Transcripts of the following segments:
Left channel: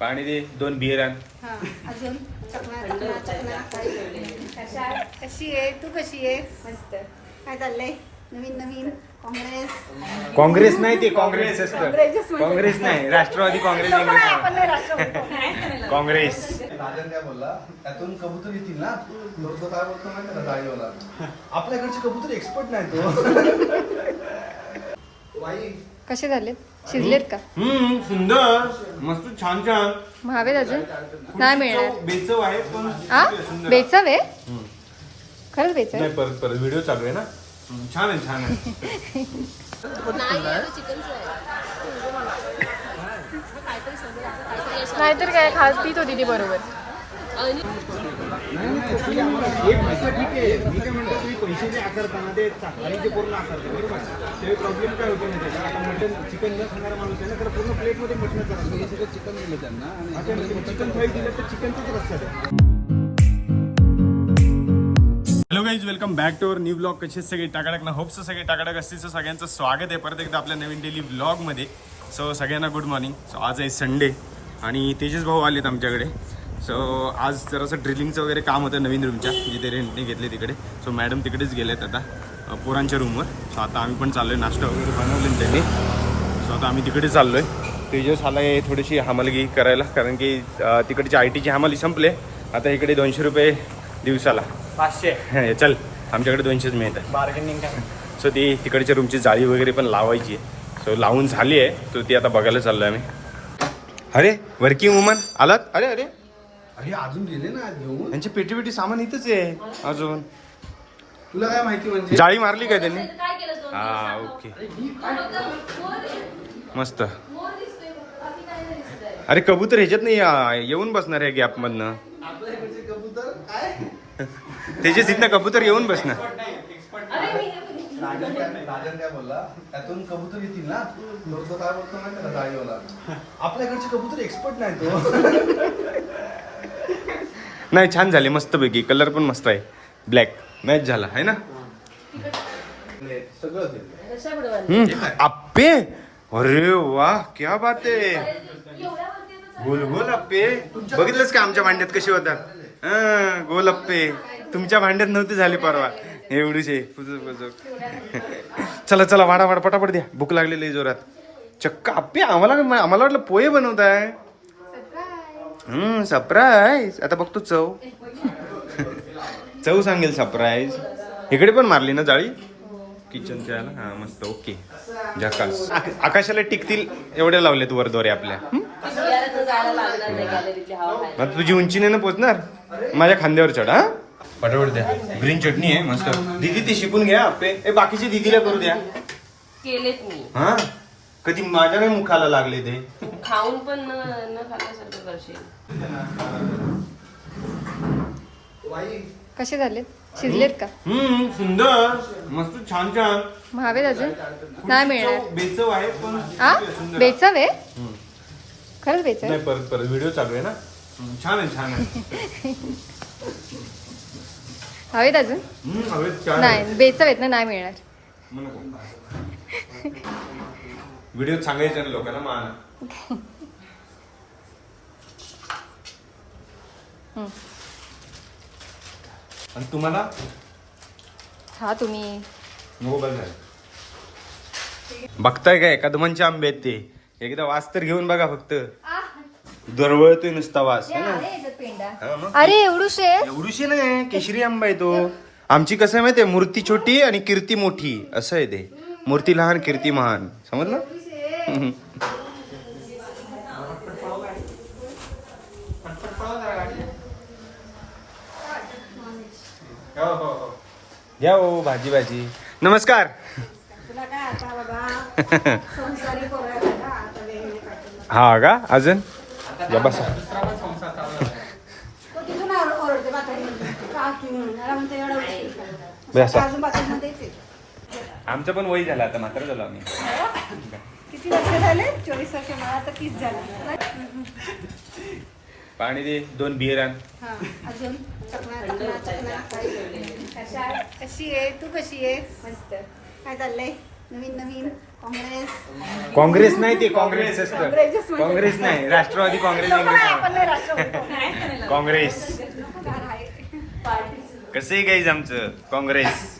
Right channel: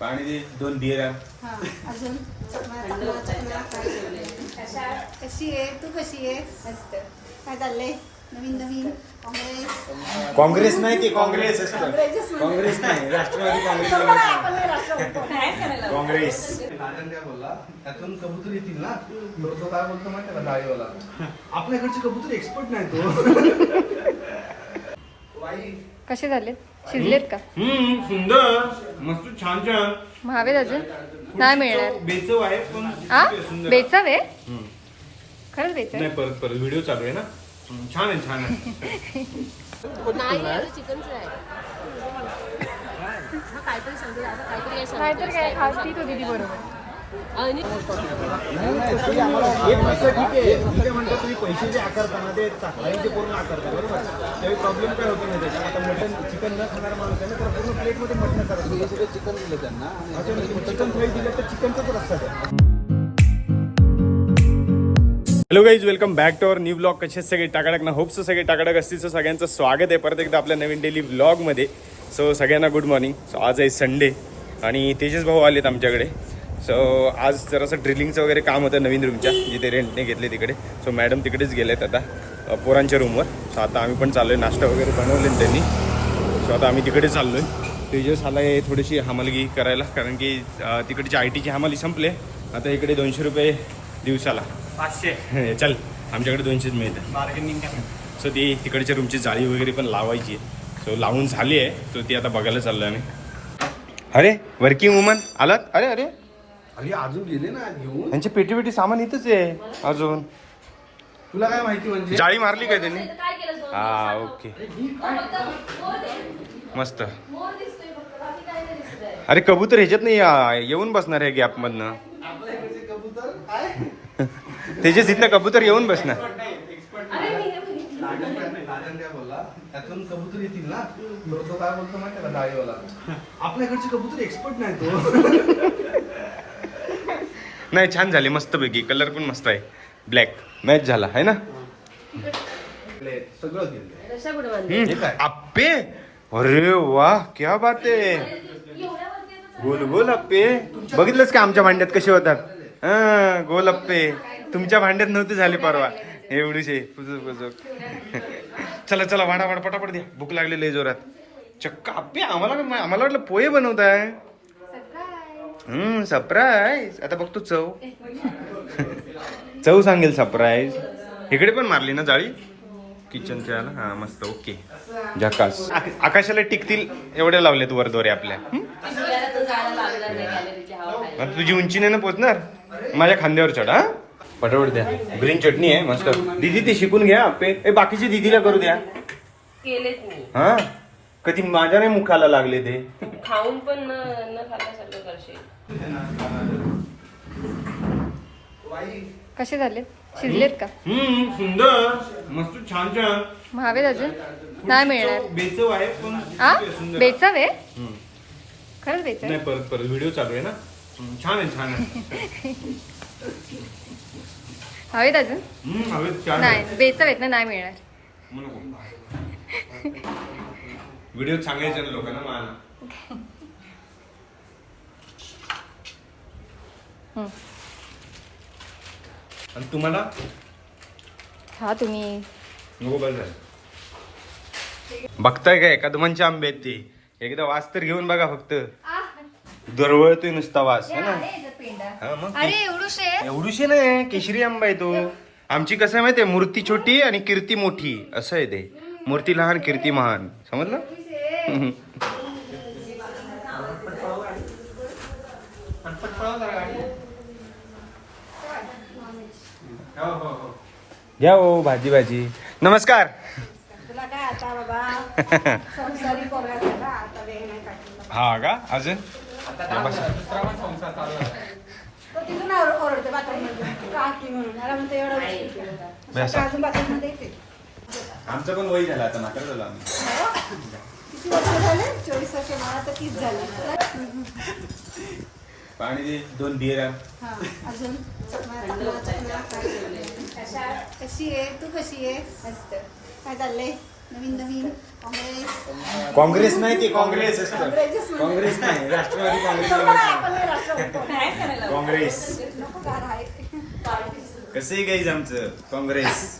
पाणी दे दोन बियर आण. हा अजून चकना चकना चकना कशी आहे? तू कशी आहे? मस्त. काय चाललंय? नवीन नवीन? काँग्रेस? काँग्रेस नाही ती काँग्रेस असतं. काँग्रेस नाही राष्ट्रवादी काँग्रेस. काँग्रेस. राजन काय बोलला? त्यातून कबूतर येतील ना? तर तो काय बोलतो माहिती का डाळीवाला? आपल्याकडचे कबूतर एक्सपर्ट नाही तो. कसे झाले शिजलेत का? हम्म सुंदर. मस्त छान छान. महावेद अजून? नाही मिळणार. बेचव आहे पण आ? सुंदर. बेचाव आहे? हम्म. खरंच बेचाव नाही परत परत व्हिडिओ चालू आहे ना? हम्म, छान आहे छान आहे. नाहीतर काय खास पीत होती ती बरोबर. पैसे जे आकारताना ते थाळीचे पूर्ण आकारता बरोबर त्यावेळी प्रॉब्लेम काय माहिती का आता मटन चिकन न खाणारा माणूस आहे ना तर पूर्ण प्लेटमध्ये मटन करत सगळं चिकन दिलं त्यांना चिकन दिलं तर चिकनचाच रस्ता आहे hello guys welcome back to our new blog कसे सगळे टाकाटक ना? होप्स सगळे टाकाटक असतील. सो सगळ्यांचं स्वागत आहे. परत एकदा आपल्या नवीन डेली ब्लॉगमध्ये सो सगळ्यांना गुड मॉर्निंग सो आज आहे संडे आणि तेजस भाऊ आलेत आमच्याकडे. सो आज जरासं ड्रिलिंगचं वगैरे काम होतं नवीन रूमच्या जिथे रेंटने घेतले तिकडे. सो मॅडम तिकडेच गेलेत आता अ, पोरांच्या रूमवर सो आता आम्ही पण चाललो आहे नाश्ता वगैरे बनवले त्यांनी. सो आता आम्ही तिकडे चाललो आहे तेजस आला आहे थोडीशी हमालगी करायला कारण की तिकडची आय टीची हमाली संपले. आता इकडे दोनशे रुपये दिवसाला. पाचशे. चल आमच्याकडे दोनशेच मिळतात बार्गेनिंग सो ती तिकडच्या रूमची जाळी वगैरे पण लावायची आहे. सो लावून झाली आहे. सो ती आता बघायला चाललो आहे आम्ही. अरे वर्किंग वुमन आलात? अरे अरे. अरे अजून गेले ना घेऊन? यांची पेटी पेटी सामान इथंच आहे अजून. तुला काय माहिती म्हणजे? जाळी मारली का त्यांनी? हा ओके. मस्त. अरे कबूतर ह्याच्यात नाही आ, येऊन बसणार आहे गॅप मधनं आपल्या इकडचे कबूतर? काय? तेजस इथनं कबूतर येऊन बसणार. राजन काय राजन काय बोलला? त्यातून कबूतर येतील ना? तर तो काय बोलतो माहिती का डाळीवाला आपल्याकडचे कबूतर एक्सपर्ट नाही तो. नाही छान झाले मस्त पैकी कलर पण मस्त आहे. ब्लॅक मॅच झाला आहे ना? आप्पे अरे वा क्या बात आहे. गोल गोल अप्पे. बघितलंच का आमच्या भांड्यात कसे होतात? हा गोल अप्पे. तुमच्या भांड्यात नव्हते झाले परवा. एवढीशे. पुजूक पुजूक चला चला वाडा वाडा पटापट द्या. भूक लागलेली जोरात. चक्क आप्पे आम्हाला आम्हाला वाटलं पोहे बनवताय. हम्म सरप्राईज आता बघतो चव. चव सांगेल सरप्राईज इकडे पण मारली ना जाळी? किचनच्या हा मस्त. ओके झकास. आक- आकाशाला टिकतील एवढ्या लावल्यात वर दोरे आपल्या. हं? तुझी उंची नाही ना पोचणार? माझ्या खांद्यावर चढ हा? पटापट द्या. ग्रीन चटणी आहे मस्त. दीदी ते शिकून घ्या. आपे ए बाकीची दीदीला करू द्या. केलेत मी. हा? कधी माझ्या नाही मुखाला लागले ते. खाऊन पण न खाल्ल्यासारखं करशील. कसे झाले शिजलेत का? हम्म सुंदर. मस्त छान छान. महावेद अजून? नाही मिळणार. बेचव आहे पण आ? सुंदर बेचाव आहे? हम्म. खरंच बेचाव नाही परत परत व्हिडिओ चालू आहे ना? हम्म, छान आहे छान आहे. हवेत अजून? हम्म, हवेत छान आहे. नाही बेचाव आहेत ना नाही मिळणार. व्हिडिओ सांगायचं ना लोकांना मला. आणि तुम्हाला? हा तुम्ही. बघताय काय कदमांचे आंबे आहेत ते. एकदा वास तर घेऊन बघा फक्त. दरवळतोय नुसता वास है ना? हा, मग अरे एवढूशे एवढीशी नाही केशरी आंबा आहे तो. आमची कसं आहे माहितीये मूर्ती छोटी आणि कीर्ती मोठी असं आहे ते. मूर्ती लहान कीर्ती महान. समजलं? घ्या हो भाजी भाजी नमस्कार तुला काय आता बाबा संसारी करूया दादा, आता वेळ नाही काढून. हा का अजून या बसा. तो तिथून आवर- ओरडते बाथरूममध्ये. का की म्हणून? मला म्हणतो एवढा उशीर केला. बसा. अजून बाथरूममध्ये येते. आमचं पण वय झालं आता मात्र झालं आम्ही किती वर्ष झाले चोवीस वर्ष मला तर तीस झाले पाणी दे दोन बियर आण. हा अजून चकना चकना चकना कशी आहे? तू कशी आहे मस्त. काय चाललंय? नवीन नवीन? काँग्रेस? नाही ते काँग्रेस असतं. काँग्रेस म्हणते. काँग्रेस नाही राष्ट्रवादी काँग्रेस नको नाही, नाही. आपण नाही राष्ट्रवादी. काँग्रेस. नको गाड आहे. कसंही गाईज आमचं? काँग्रेस.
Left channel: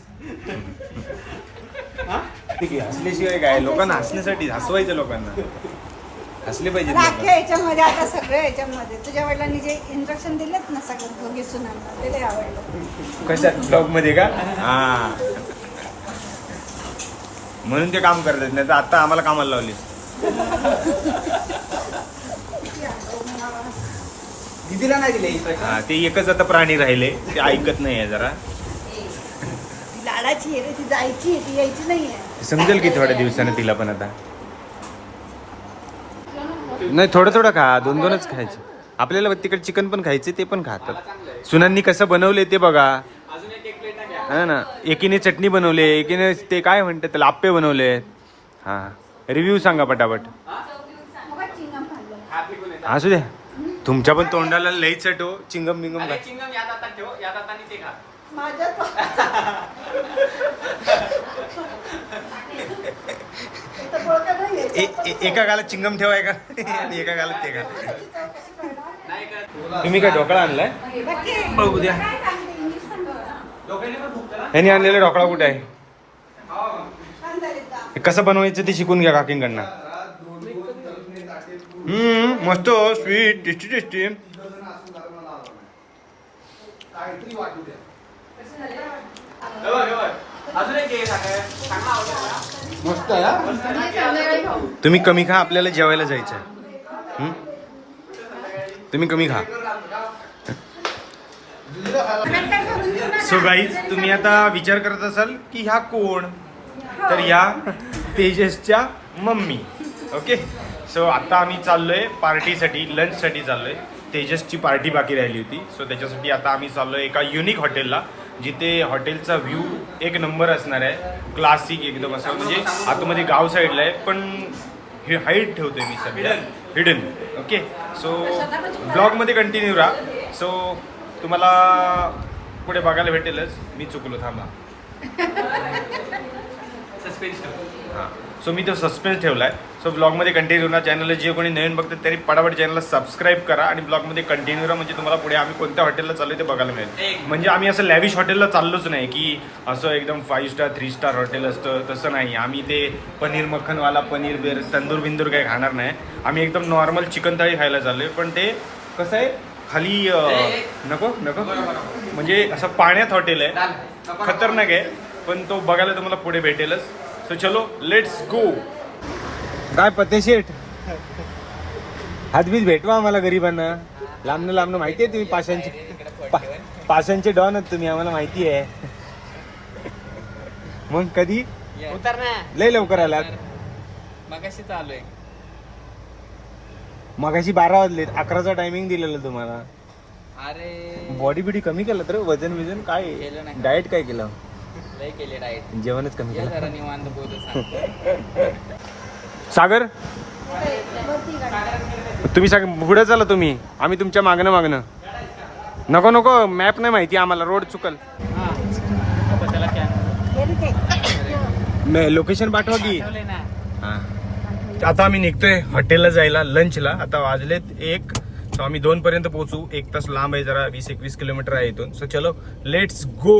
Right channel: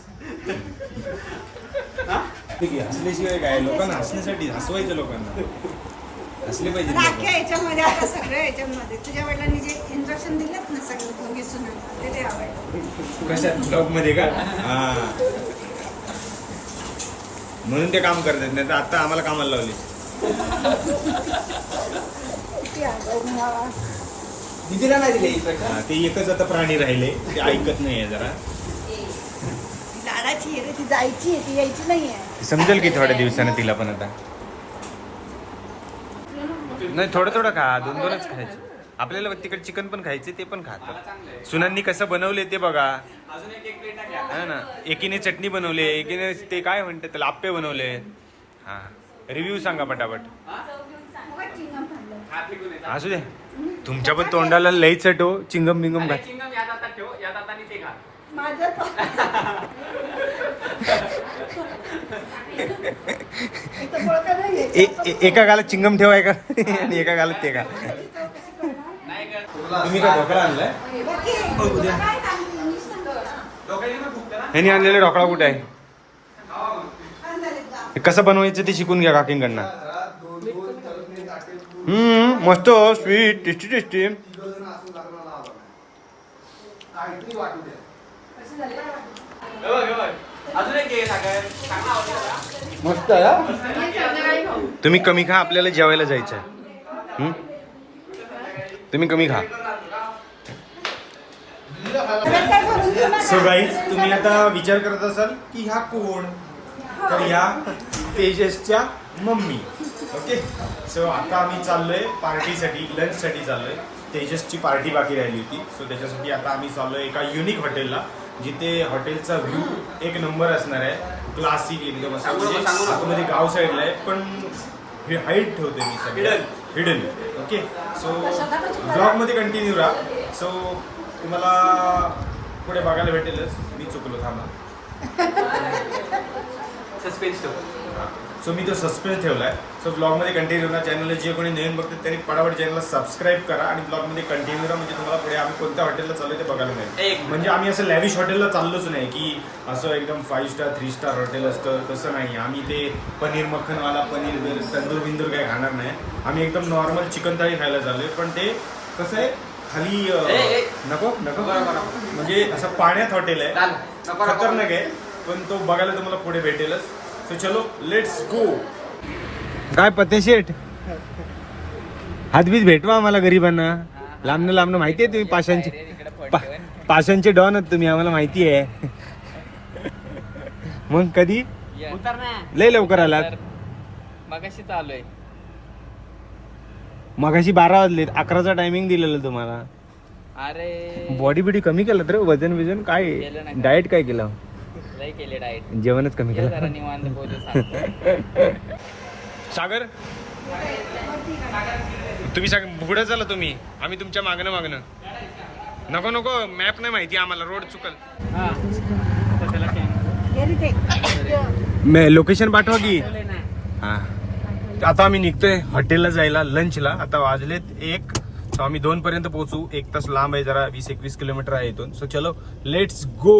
ठीक आहे हसल्याशिवाय काय? लोकांना हसण्यासाठी हसवायचं लोकांना. आता लोक. अख्ख्या याच्यामध्ये आता सगळ्या याच्यामध्ये. तुझ्या वडिलांनी जे इंस्ट्रक्शन दिलेत ना सगळं दोघी सुनांना ते लय आवडलं. कशात? ब्लॉगमध्ये का? हा. म्हणून ते काम करतात नाही तर आता आम्हाला कामाला लावली. दिदीला नाही दिले. हा ते एकच आता प्राणी राहिले ते ऐकत नाहीये जरा. लाडाची आहे रे ती जायची ती यायची नाहीये. समजेल की थोड्या दिवसानं तिला पण आता. नाही थोडं थोडं खा. दोन दोनच खायचे. आपल्याला तिकडे चिकन पण खायचे ते पण खातात सुनांनी कसं बनवले ते बघा. हा ना. एकीने चटणी बनवले एकीने ते काय म्हणतात त्याला आप्पे बनवले. हा. रिव्ह्यू सांगा पटापट. मग चिंगम खाल्लं असू द्या. तुमच्या पण तोंडाला लई चटो चिंगम बिंगम घाल. माझं तो- इथं बळकं नाहीये. ए- ए- एका गालात चिंगम ठेवाय का आणि एका गालात ते का? तुम्ही काय ढोकळा आणलाय. बघू द्या. ह्यांनी आणलेला ढोकळा कुठे आहे? हे कसं बनवायचं ते शिकून घ्या काकींकडनं. हम्म मस्त स्वीट टेस्टी टेस्टी मस्त आहे तुम्ही कमी खा आपल्याला जेवायला जायचं आहे. तुम्ही कमी खा. सो गाईज तुम्ही आता विचार करत असाल की ह्या कोण? तर ह्या तेजसच्या मम्मी. ओके सो आता आम्ही चाललोय पार्टीसाठी लंचसाठी चाललोय. तेजसची पार्टी बाकी राहिली होती. सो त्याच्यासाठी आता आम्ही चाललोय एका युनिक हॉटेलला जिथे हॉटेलचा व्ह्यू एक नंबर असणार आहे. क्लासिक एकदम असं म्हणजे आतमध्ये गाव साईडला आहे पण हे हाईट ठेवतोय मी सध्या. हिडन ओके सो ब्लॉगमध्ये कंटिन्यू राहा. सो तुम्हाला पुढे बघायला भेटेलच. मी चुकलो थांबा. हां. सो मी तो सस्पेन्स ठेवलाय. सो ब्लॉगमध्ये कंटिन्यू राहा चॅनलला जे कोणी नवीन बघतात त्यांनी पटापट चॅनलला सबस्क्राईब करा आणि ब्लॉगमध्ये कंटिन्यू राहा म्हणजे तुम्हाला पुढे आम्ही कोणत्या हॉटेलला चाललोय ते बघायला मिळेल. म्हणजे आम्ही असं लॅविश हॉटेलला चाललोच नाही की असं एकदम five star three star hotel असतं. तसं नाही. आम्ही ते पनीर मक्खनवाला पनीर बेर तंदूर बिंदूर काही खाणार नाही. आम्ही एकदम नॉर्मल चिकन थाळी खायला चाललोय. पण ते कसं आहे? खाली नको नको. म्हणजे असं पाण्यात हॉटेल आहे. खतरनाक आहे. पण तो बघायला तुम्हाला पुढे भेटेलच. सो चलो लेट्स गो काय पतेशेठ हातबीत भेटवा आम्हाला गरीबांना. लांबनं लांबनं माहिती आहे तुम्ही पाशांचे पाशांचे डॉन आहेत तुम्ही आम्हाला माहिती आहे. मग कधी? उतर ना लय लवकर आलात. मगाशी चालू आहे. मगाशी बारा वाजले अकराचा टायमिंग दिलेलं तुम्हाला. अरे. बॉडी बिडी कमी केलं तर वजन विजन काय. डाएट काय केलं? लय केले डाएट जेवणच कमी ये केलं जरा निवांत बोलू सांगतो. सागर? तुम्ही सग पुढे चला तुम्ही. आम्ही तुमच्या मागणं मागणं. नको नको. मॅप नाही माहिती आम्हाला. रोड चुकल. लोकेशन पाठवा की. आता आम्ही निघतोय हॉटेलला जायला लंचला आता वाजलेत एक. सो आम्ही दोन पर्यंत पोहोचू. एक तास लांब आहे जरा. वीस एकवीस किलोमीटर आहे इथून. सो चलो लेट्स गो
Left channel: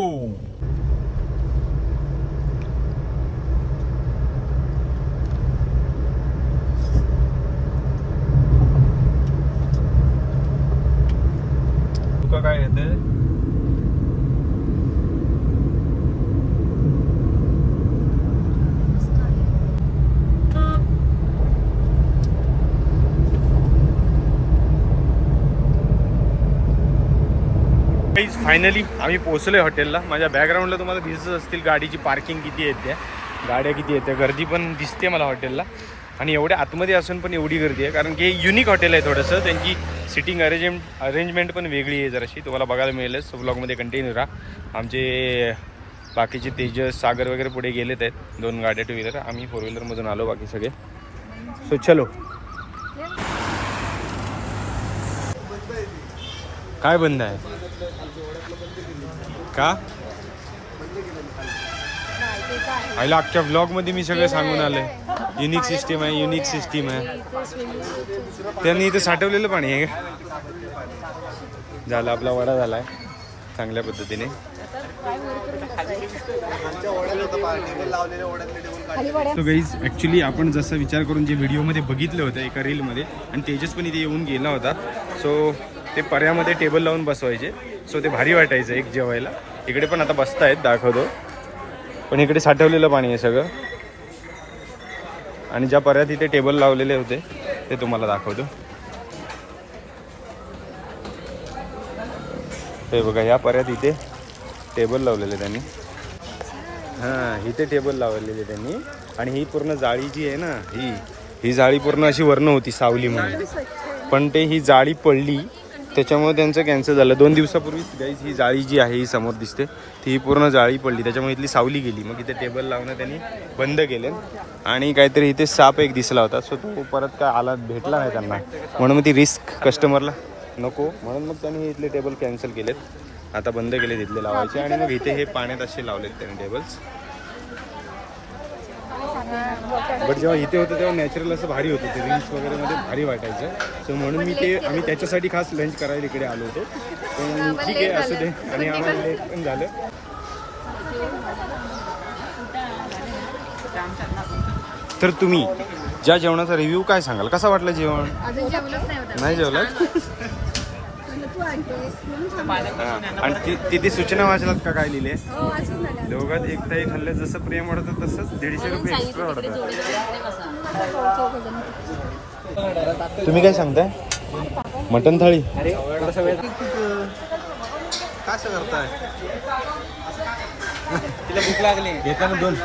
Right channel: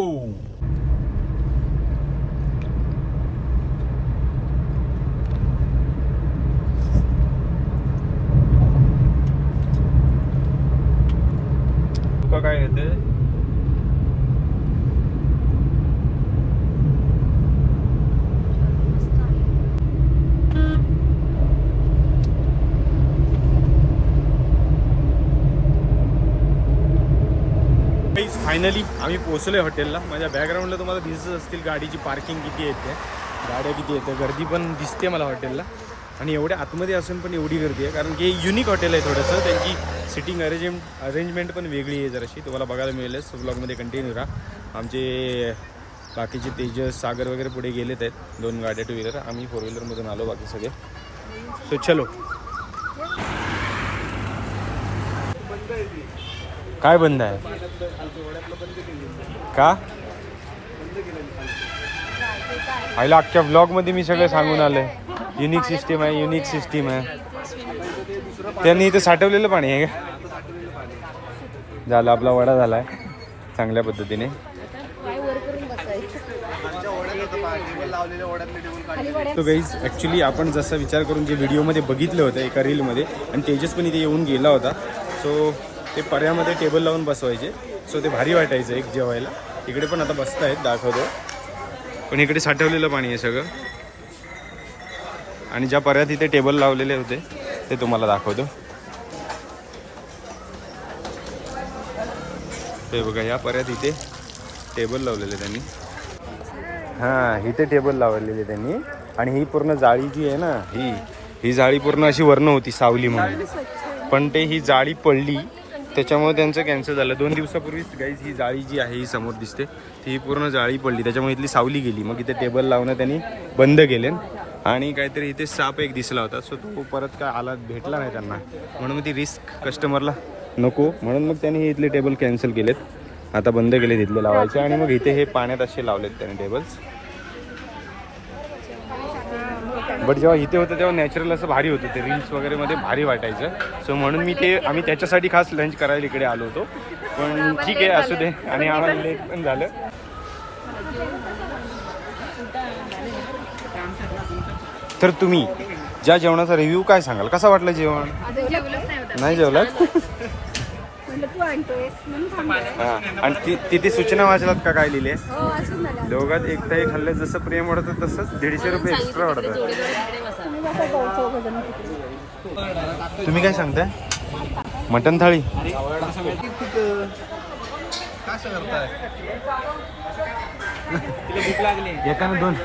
फायनली आम्ही पोचलो आहे हॉटेलला माझ्या बॅकग्राऊंडला तुम्हाला दिसत असतील गाडीची पार्किंग किती येते गाड्या किती येते गर्दी पण दिसते मला हॉटेलला आणि एवढ्या आतमध्ये असून पण एवढी गर्दी आहे कारण की युनिक हॉटेल आहे थोडंसं. त्यांची सिटिंग अरेंजमेंट अरेंजमेंट पण वेगळी आहे जराशी. तुम्हाला बघायला मिळेलच. ब्लॉगमध्ये कंटिन्यू राहा. आमचे बाकीचे तेजस सागर वगैरे पुढे गेलेत आहेत. दोन गाड्या टू व्हीलर आम्ही फोर व्हीलरमधून आलो बाकी सगळे. सो चलो. काय बंद आहे? का? आईला अख्ख्या ब्लॉगमध्ये मी सगळं सांगून आलंय. युनिक सिस्टीम आहे युनिक सिस्टीम आहे. त्यांनी इथे साठवलेलं पाणी आहे का? झालं आपला वडा झाला चांगल्या पद्धतीने. तो गाईज ॲक्च्युली आपण जसा विचार करून जे व्हिडिओमध्ये बघितलं होतं एका रीलमध्ये आणि तेजस पण इथे येऊन गेला होता. सो ते पर्यामध्ये टेबल लावून बसवायचे. सो ते भारी वाटायचं एक जेवायला. इकडे पण आता बसतायत दाखवतो. पण इकडे साठवलेलं पाणी आहे सगळं. आणि ज्या पर्यात इथे टेबल लावलेले होते ते तुम्हाला दाखवतो. हे बघा या पर्यात इथे टेबल लावलेले त्यांनी. हां इथे टेबल लावलेले त्यांनी. आणि ही पूर्ण जाळी जी आहे ना ही ही जाळी पूर्ण अशी वर्ण होती सावली म्हणून. पण ते ही जाळी पडली त्याच्यामुळे त्यांचं कॅन्सल झालं. दोन दिवसापूर्वीच गाईज ही जाळी जी आहे ही समोर दिसते. ती ही पूर्ण जाळी पडली. त्याच्यामुळे इथली सावली गेली. मग इथे टेबल लावणं त्यांनी बंद केले. आणि काहीतरी इथे साप एक दिसला होता. सो तो परत काय आला भेटला नाही त्यांना. म्हणून मग ती रिस्क कस्टमरला नको. म्हणून मग त्यांनी हे इथले टेबल कॅन्सल केलेत. आता बंद केले तिथले लावायचे. आणि मग इथे हे पाण्यात असे लावलेत त्यांनी टेबल्स बट जेव्हा इथे होतं तेव्हा नॅचरल असं भारी होतं. ते रील्स वगैरे मध्ये भारी वाटायचं. सो म्हणून मी ते आम्ही त्याच्यासाठी खास लंच करायला इकडे आलो होतो. पण ठीक आहे असू दे. आणि आम्हाला लेट पण झालं. तर तुम्ही ज्या जेवणाचा रिव्ह्यू काय सांगाल? कसा वाटलं जेवण. नाही जेवलात म्हणलं तू आणतोयस म्हणून थांबलं. हा. आणि ति- तिथे सूचना वाचलात का काय लिहिले? हो दोघात एक ताई खाल्लं जसं प्रेम वाढतं तसंच दीडशे रुपये एक्स्ट्रा वाढतं तुम्ही काय सांगताय? मटन थाळी? तिला भूक लागली येताना दोन.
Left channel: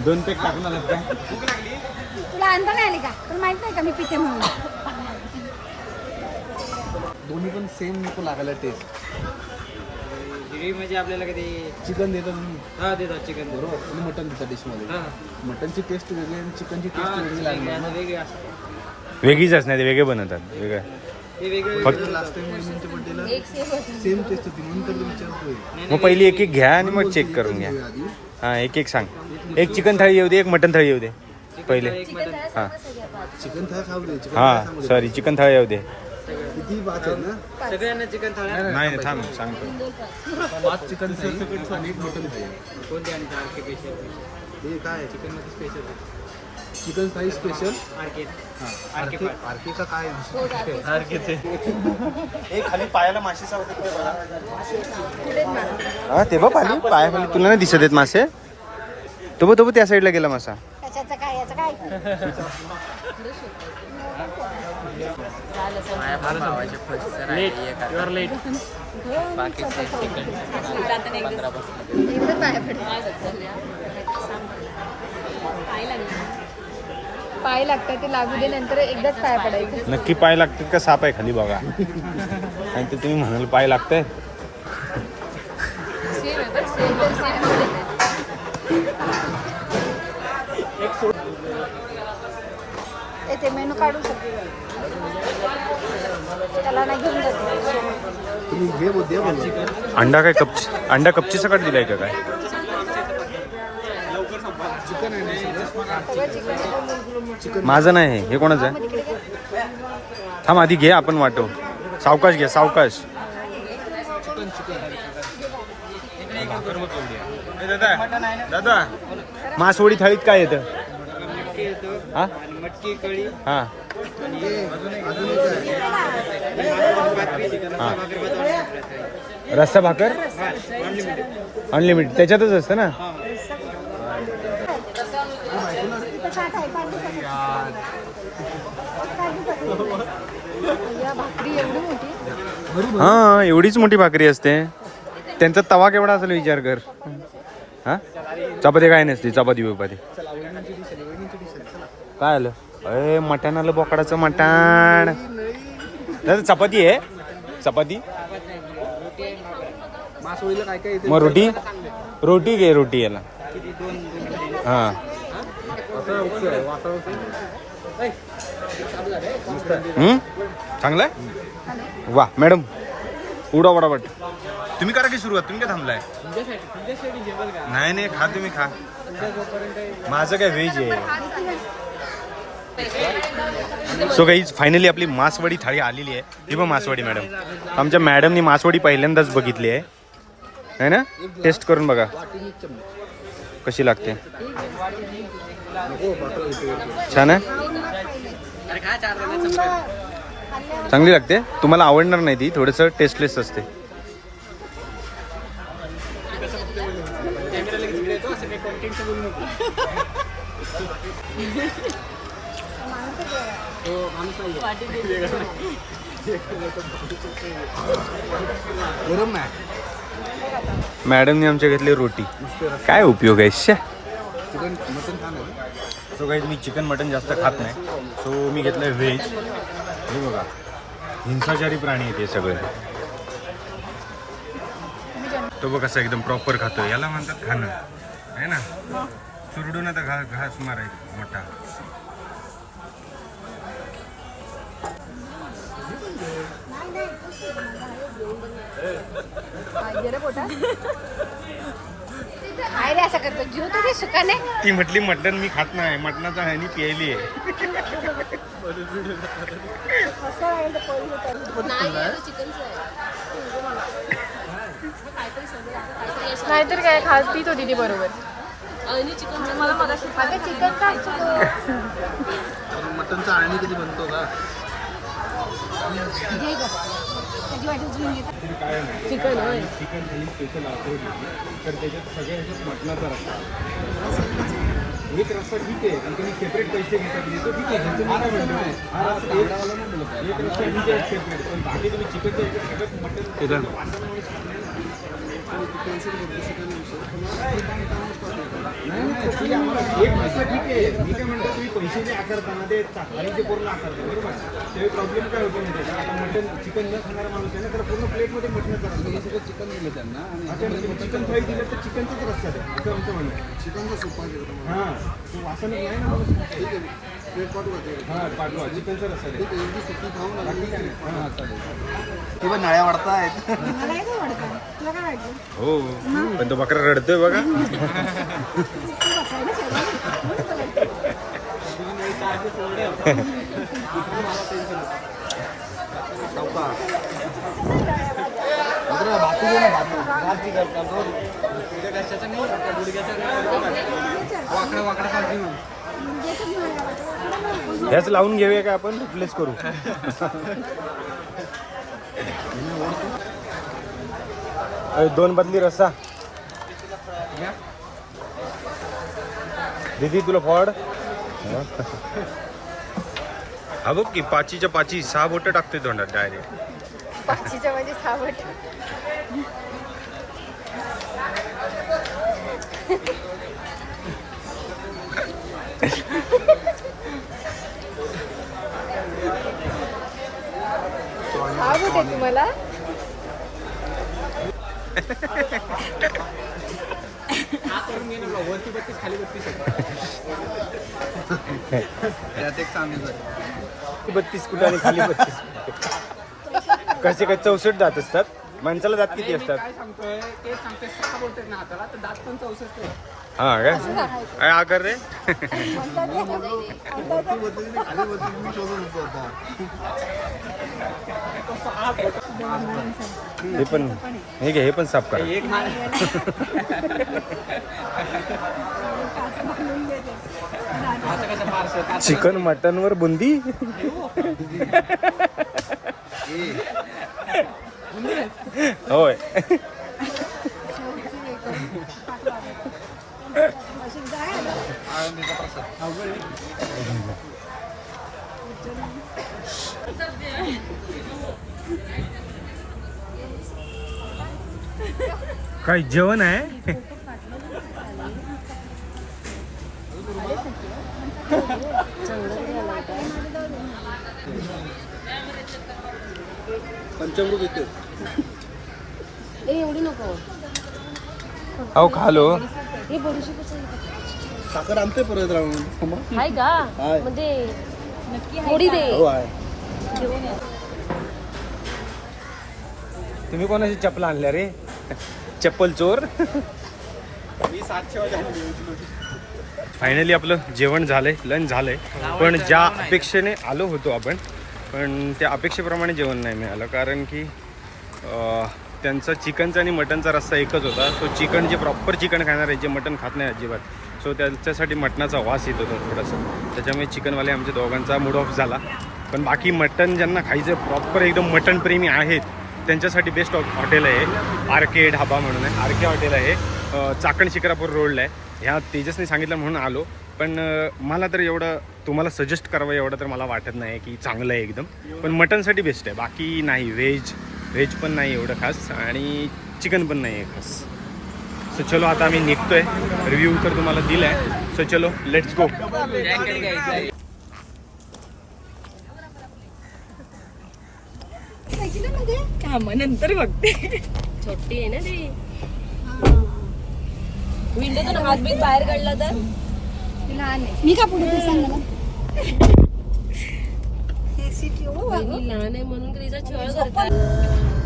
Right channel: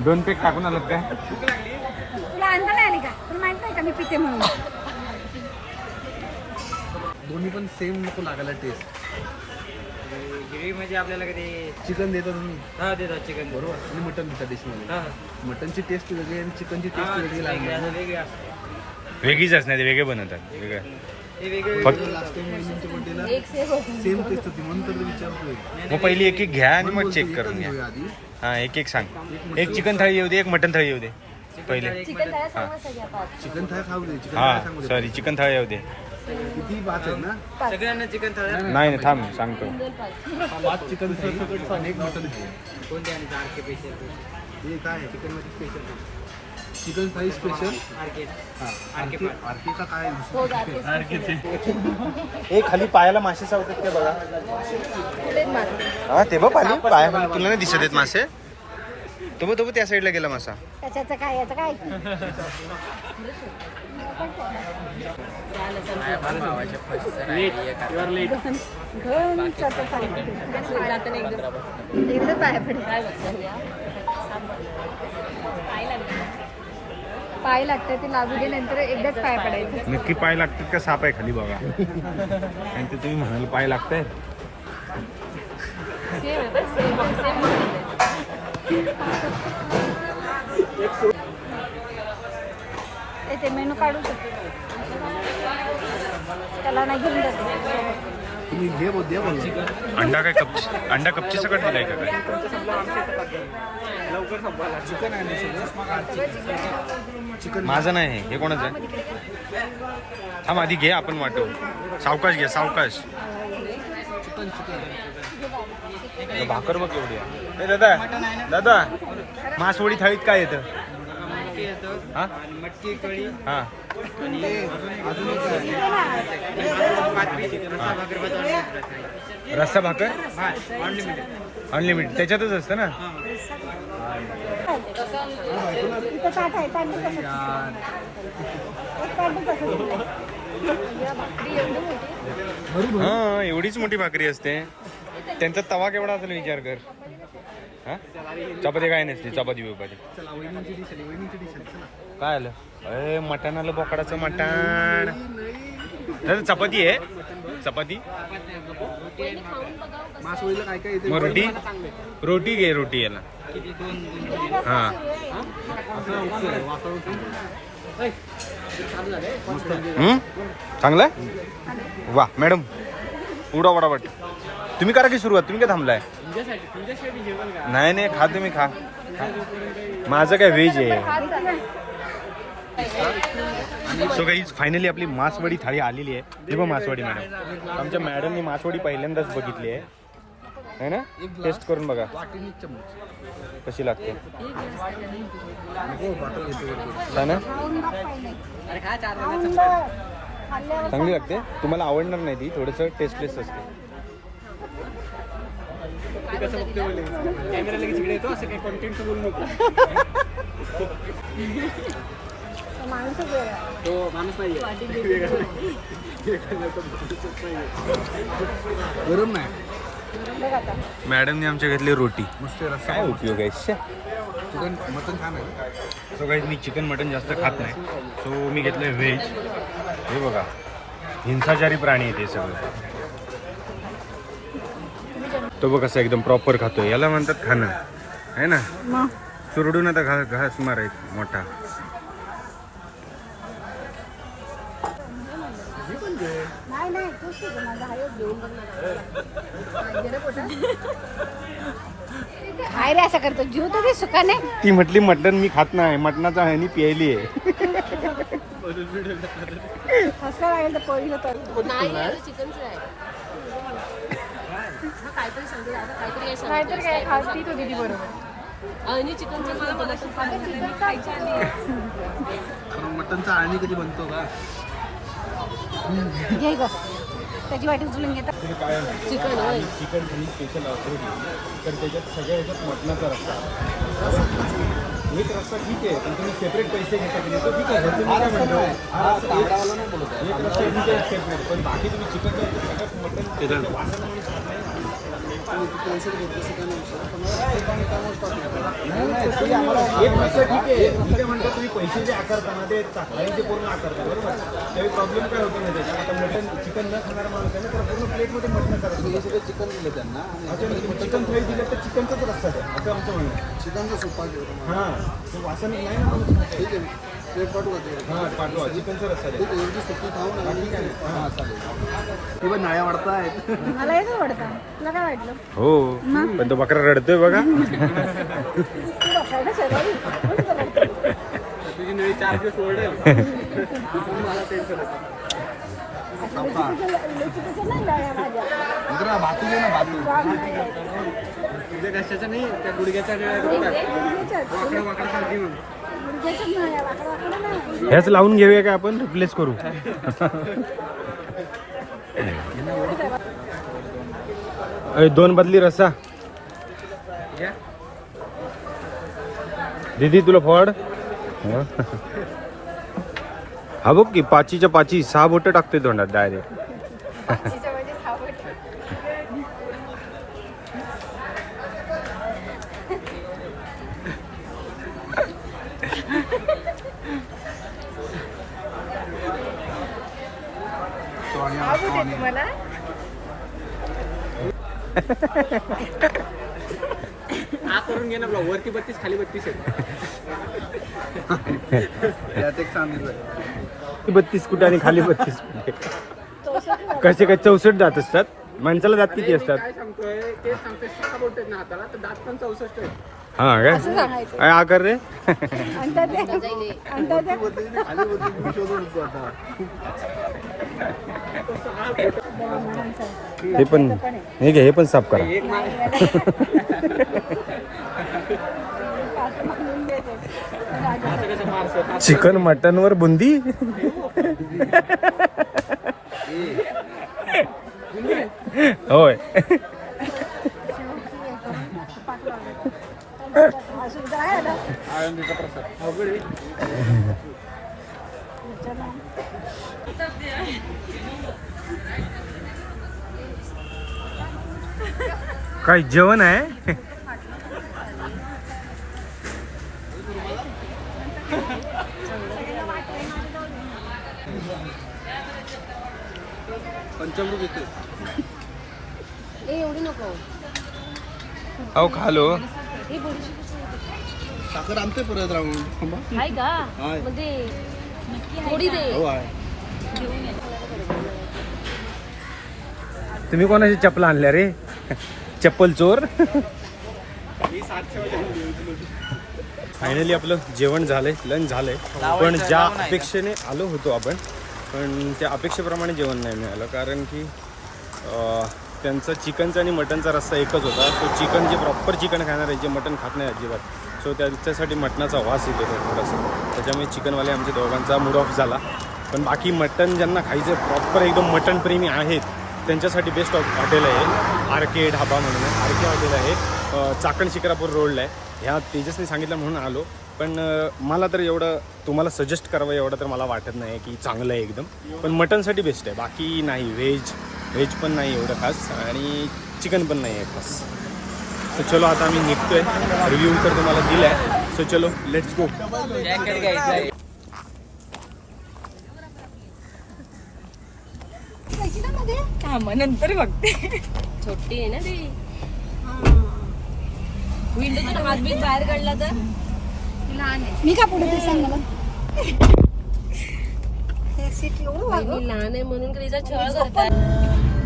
दोन पेक टाकून काय? आली का? तुला माहीत नाही का मी पिते म्हणून. दोन्ही पण सेम नको लागायला टेस्ट गिरी म्हणजे आपल्याला कधी चिकन देतात हा देतात चिकन बरोबर. आणि मटन देतात डिशमध्ये मटनची टेस्ट वेगळी आणि चिकनची टेस्ट वेगळी लागणार वेगळे वेगळीच असणार ते वेगळे बनवतात वेगळं. हे वेगळे फक्त लास्ट टाइम बड्डेला सेम टेस्ट होती. म्हणून तर विचारतोय मग पहिली एक एक घ्या आणि मग चेक करून घ्या. आधी. हा एक एक सांग एक चिकन थाळी येऊ दे एक मटन थाळी येऊ दे. पहिले. चिकन थाळी खाऊ दे चिकन हा सॉरी चिकन थाळी येऊ दे. किती आहेत ना? सगळ्यांना चिकन थाळ्या? नाही नाही, थांब सांगतो. पाच चिकन थाळी. आणि एक मटन थाळी कोणते आणि आर के पेशल हे काय आहे? चिकनमध्ये special chicken fry special R K RK RK का काय? एक खाली पायाला मासे सावरतात ते बघा. हा ते बघ खाली पायाखाली तुला नाही दिसत आहेत मासे? तो बघ तो बघ त्या साईडला गेला मासा. त्याच्याचं काय याचं काय? लेट यू आर लेट जाताना एकदा एवढं पाय पडलं. काय बघ पाय लागतात ते लागू दे नंतर एकदाच पाय पडायचं. नक्की पाय लागतात का? साप आहे खाली बघा. आणि ते तुम्ही म्हणाल पाय लागतंय? सेम आहे बरं सेम सेम येते मेनू काढू शकतो. त्याला ना घेऊन जाते. अंडा काय कपची अंडा कपची सकट दिलाय का काय? माझं नाही हे. हे कोणाचं आहे? थांब आधी घे आपण वाटो सावकाश घ्या सावकाश. दादा दादा. मासवडी थाळीत काय येतं? मटकी हा? आणि मटकी कळी हा. अजून एक आहे पीस रस्सा भाकर? भात रस्सा भाकर अनलिमिटेड अनलिमिटेड त्याच्यातच असतं ना? हा एवढीच मोठी भाकरी असते. त्यांचा तवा केवढा असेल विचार कर. हा? चपाती काय नसते चपाती बिपाती. काय आलं? अरे मटण आलं बोकडाचं मटण. चपाती आहे. चपाती. मग रोटी रोटी घे रोटी याला. हा. चांगलं आहे? वा मॅडम. उडा वडावट. तुम्ही करा की सुरुवात तुम्ही काय थांबलाय? तुमच्यासाठी तुमच्यासाठी जेवण का नाही नाही खा तुम्ही खा. माझं काय व्हेज आहे. सो काही फायनली आपली मासवडी थाळी आलेली आहे. ही बघ मासवडी मॅडम आमच्या मॅडमनी मासवडी पहिल्यांदाच बघितली आहे. है ना? टेस्ट करून बघा. कशी लागते? छान आहे. चांगली लागते? तुम्हाला आवडणार नाही ती थोडंसं टेस्टलेस असते. कॅमेरा लगेच इकडे येतो असं काही कॉन्टेंटचं बोलू नको. हो माणूस नाही गरम नाही. मॅडमने आमच्या घेतली रोटी. काय उपयोग आहे शे. सो काही मी चिकन मटन जास्त खात नाही. सो मी घेतलं व्हेज. हे बघा. हिंसाचारी प्राणी आहे ते सगळे. तो बघ कसं एकदम प्रॉपर खातो याला म्हणतात खाणं. आहे ना? चुरडून आता घा घास मारायचा मोठा. ती म्हटली मटण मी खात नाही. मटणाचा ह्यानी केली आहे. आहे तर पोळी नको. काहीतरी काय खास पीत होती ती बरोबर. म्हणजे मला आणि मटनचा कधी बनतो का? घेतात चिकन स्पेशल ऑफर तर त्याच्यात सगळ्या ह्याच्यात मटणाचा रस्सा. एक रस्सा ठीक आहे पण तुम्ही सेपरेट पैसे घेता की नाही, तो ठीक आहे ह्याचं हा एक- ठीक सेपरेट पण बाकी तुम्ही चिकनच्या ह्याच्यात मटन नाही. नाही, नाही, ते आम्हाला एक रस्सा ठीक आहे मी काय म्हणतो तुम्ही पैसे जे आकारताना ते थाळीचे पूर्ण आकारता बरोबर त्यावेळी प्रॉब्लेम काय होतो माहिती आहे का आता मटन चिकन न खाणारा माणूस आहे ना तर पूर्ण प्लेटमध्ये मटण करत हे सगळं चिकन दिलं त्यांना आणि चिकन फ्राय दिलं तर चिकनचाच रस्ता द्या असं आमचं म्हणणं आहे. चिकनचा सोपा घेऊ तुम्हाला हां ते वासन नाही ना माणूस. ठीक आहे प्लेट पाठवू? हां पाठवा. चिकनचा रस्ता द्या सुकी खाऊन आणि हां चालेल. पण नाळ्या मला येतो तुला काय वाटलं? हो. पण तो बकरा रडतोय बघा. तू बसायला शेजारी. म्हणून तुला वाटतं. तुझी नवी चार दिवस ओरडेल मला टेन्शन होतं मित्रा भातू घे ना भातू. तुझ्या कशाचं नाही त्या गुडघ्याचा वाकडा वाकडा खा घेऊन. हेच लावून घेऊया का आपण? रिप्लेस करू. दोन बदली रस्सा दीदी तुला फळ हा बघ की पाचीच्या पाची सहा बोटं टाकते तोंडात डायरेक्ट सावट आहे तुम्हाला? बत्तीस कुठे आणि खाली बत्तीस कसे काय चौसष्ट जात असतात? माणसाला जात किती असतात? काय सांगतोय ते सांगतोय सहा बोलतात ना हाताला तर दात पण चौसष्ट आहे हा काय? आकार रे. हे पण नाही घे हे पण साफ करा. चिकन मटन वर बुंदी? होय शेवटची हे करून पाक लावायचं. हा सुविधा आहे ना आनंदीचा प्रसाद अवघड आहे काय जेवण आहे? पंचामृत येते एवढी नको. अहो खालो. हे बडीशी साखर आणते परत राहून. थांबा. आहे का? हाय. म्हणजे थोडी दे. हो आहे. घेऊन ये. तुम्ही कोणाची चपला आणल्या रे? चप्पल चोर? मी सातशे वाजता फायनली आपलं जेवण झालंय लंच झालंय. पण ज्या अपेक्षेने आलो होतो आपण पण त्या अपेक्षेप्रमाणे जेवण नाही मिळालं. कारण की अं, त्यांचा चिकनचा आणि मटनचा रस्ता एकच होता. सो चिकन जे प्रॉपर चिकन खाणार आहे जे मटन खात नाही अजिबात. सो त्यांच्यासाठी मटणाचा वास येत होता थोडासा. त्याच्यामुळे चिकनवाले आमच्या दोघांचा मूड ऑफ झाला. पण बाकी मटन ज्यांना खायचं प्रॉपर एकदम मटन प्रेमी आहेत त्यांच्यासाठी बेस्ट हॉटेल आहे. आर के ढाबा म्हणून आहे. आर के हॉटेल आहे चाकण शिक्रापूर रोडला आहे. ह्या तेजसने सांगितलं म्हणून आलो. पण मला तर एवढं तुम्हाला सजेस्ट करावं एवढं तर मला वाटत नाही की चांगलं आहे एकदम. पण मटनसाठी बेस्ट आहे. बाकी नाही व्हेज व्हेज पण नाही एवढं खास आणि चिकन पण नाही आहे खास. सो चलो आता आम्ही निघतोय. रिव्ह्यू तर तुम्हाला दिलाय. सो चलो लेट्स गो हा नंतर बघते. छोटी आहे ना ती. विंडोतून हात बाहेर काढला तर? मी का पुढे सांग सीट येऊ लहान आहे म्हणून तिचा छळ करतात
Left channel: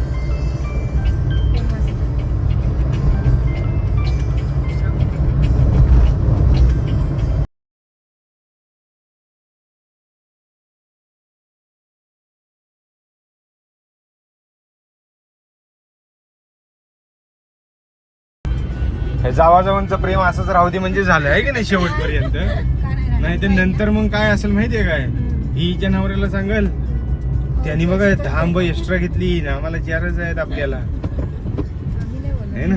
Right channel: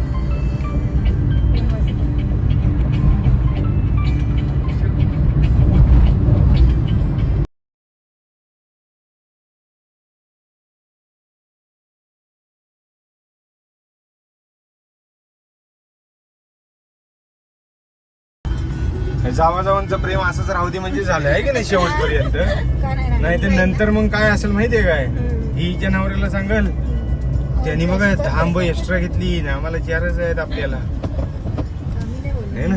जावाजावांचं प्रेम असंच राहू दे म्हणजे झालं आहे की नाही शेवटपर्यंत? नाही तर नंतर मग काय असेल माहितीये काय? ही हिच्या नवऱ्याला सांगाल त्यांनी बघा दहा आंब एक्स्ट्रा घेतली ना आम्हाला चारच आहेत आपल्याला. है ना?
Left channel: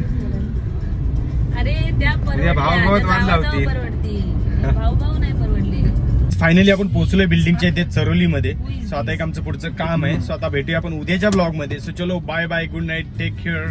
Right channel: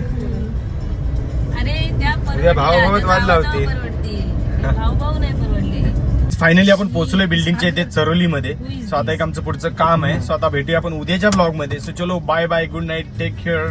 उद्या भावभावात वाद लावतील. परवडले. फायनली आपण पोहोचलोय बिल्डिंगच्या इथे चरोलीमध्ये. सो आता एक आमचं पुढचं काम आहे. सो आता भेटूया आपण उद्याच्या ब्लॉगमध्ये सो चलो bye bye good night take care